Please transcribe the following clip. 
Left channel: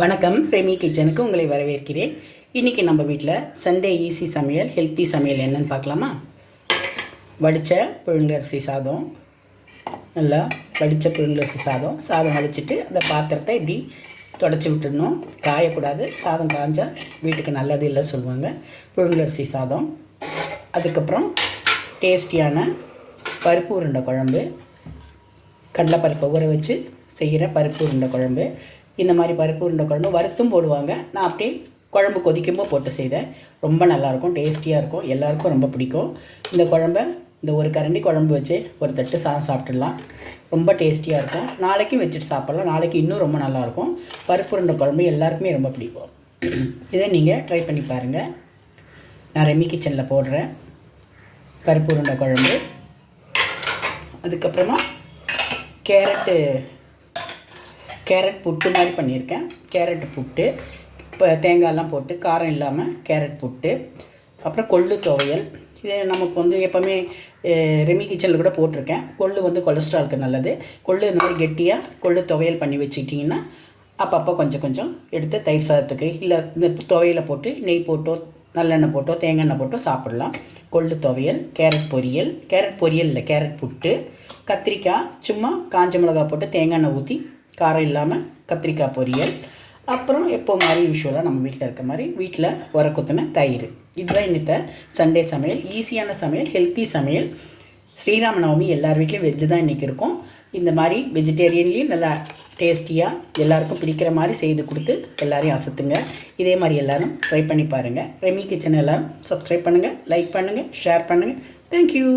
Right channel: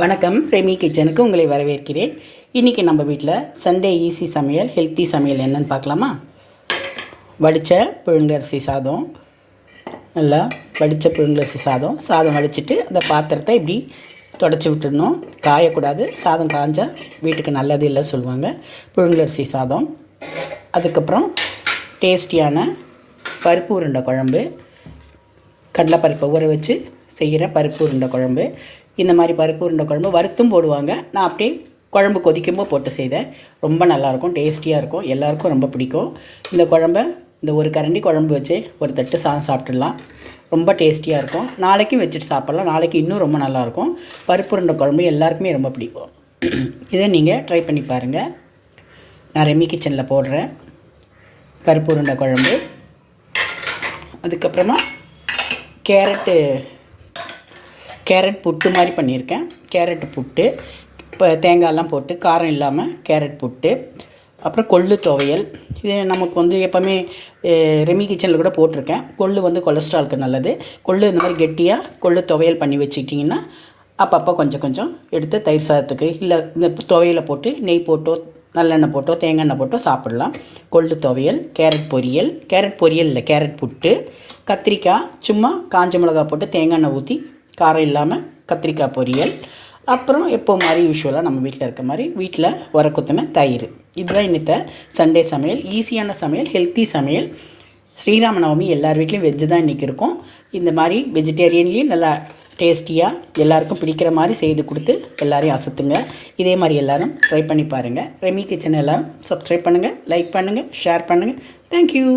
வணக்கம். ரெமி கிச்சனுக்கு உங்களை வரவேற்கிறேன். இன்றைக்கி நம்ம வீட்டில் சண்டே ஈஸி சமையல், ஹெல்த்தி சமையல் என்னென்னு பார்க்கலாமா? வடித்த புழுங்கரிசி சாதம், நல்லா வடித்த புழுங்கரிசி சாதம் வடிச்சிட்டு அந்த பாத்திரத்தை இப்படி தொடச்சி விட்டுடணும். காயக்கூடாது. சாதம் காஞ்சால் வீட்டுக்கு நல்லது இல்லை சொல்லுவாங்க. புழுங்கரிசி சாதம், அதுக்கப்புறம் டேஸ்டியான பருப்பு உருண்டை குழம்பு, கடலைப்பருப்பை ஊற வச்சு செய்கிற பருப்பு உருண்டை குழம்பு. இந்த மாதிரி பருப்பு உருண்டை குழம்பு வறுத்தும் போடுவாங்க. நான் அப்படியே குழம்பு கொதிக்கும்போது போட்டு செய்தேன். ரொம்ப நல்லாயிருக்கும், டேஸ்டியாக இருக்கும், எல்லாேருக்கும் ரொம்ப பிடிக்கும். இந்த குழம்பை இந்த ஒரு கரண்டி குழம்பு வச்சு ஒரு தட்டு சாதம் சாப்பிட்டுடலாம். ரொம்ப டேஸ்டியாக இருக்கும். நாளைக்கும் வச்சுட்டு சாப்பிட்லாம். நாளைக்கு இன்னும் ரொம்ப நல்லாயிருக்கும். பருப்பு உருண்டை குழம்பு எல்லாருக்குமே ரொம்ப பிடிக்கும். இதை நீங்கள் ட்ரை பண்ணி பாருங்கள். நான் ரெமி கிச்சனில் போடுறேன் பருப்பு உருண்டை குழம்பு. அதுக்கப்புறமா கேரட் புட்டு மாதிரி பண்ணியிருக்கேன். கேரட் புட்டு, இப்போ தேங்காயெல்லாம் போட்டு காரம் இல்லாமல் கேரட் புட்டு. அப்புறம் கொள்ளு துவையல். இது நமக்கு எப்போவுமே ரெமி கிச்சனில் கூட போட்டிருக்கேன். கொள்ளு கொலஸ்ட்ராலுக்கு நல்லது. கொள்ளு இந்த மாதிரி கெட்டியாக கொள்ளு துவையல் பண்ணி வச்சுக்கிட்டிங்கன்னா அப்பப்போ கொஞ்சம் எடுத்து தயிர் சாதத்துக்கு இல்லை இந்த துவையலை போட்டு நெய் போட்டோ நல்லெண்ணெய் போட்டோ தேங்காய் எண்ணெய் போட்டோ சாப்பிட்லாம். கொள்ளு துவையல், கேரட் பொரியல் இல்லை கேரட் புட்டு, கத்திரிக்காய் சும்மா காஞ்ச மிளகா போட்டு தேங்காய் எண்ணெய் ஊற்றி காரம் இல்லாமல் கத்திரிக்காய் பொரியல். அப்புறம் எப்போ மாதிரி யூஸ்வலாக நம்ம வீட்டில் இருக்க மாதிரி வீட்டில் உரக்குத்தின தயிர். இதுதான் இன்னத்த சண்டே சமையல். ஈஸியான சமையல், ஹெல்த்தி சமையல். ஸ்ரீராமநவமி எல்லார் வீட்லேயும் வெஜ்ஜு தான் இன்றைக்கி இருக்கும். இந்த மாதிரி வெஜிடேரியன்லேயும் நல்லா டேஸ்டியாக எல்லாருக்கும் பிடிக்கிற மாதிரி செய்து கொடுத்து எல்லோரையும் அசத்துங்க. இதே மாதிரி எல்லோரும் ட்ரை பண்ணி பாருங்கள். ரெமி கிச்சன் எல்லோரும் சப்ஸ்கிரைப் பண்ணுங்கள், லைக் பண்ணுங்கள், ஷேர் பண்ணுங்கள். தேங்க்யூ.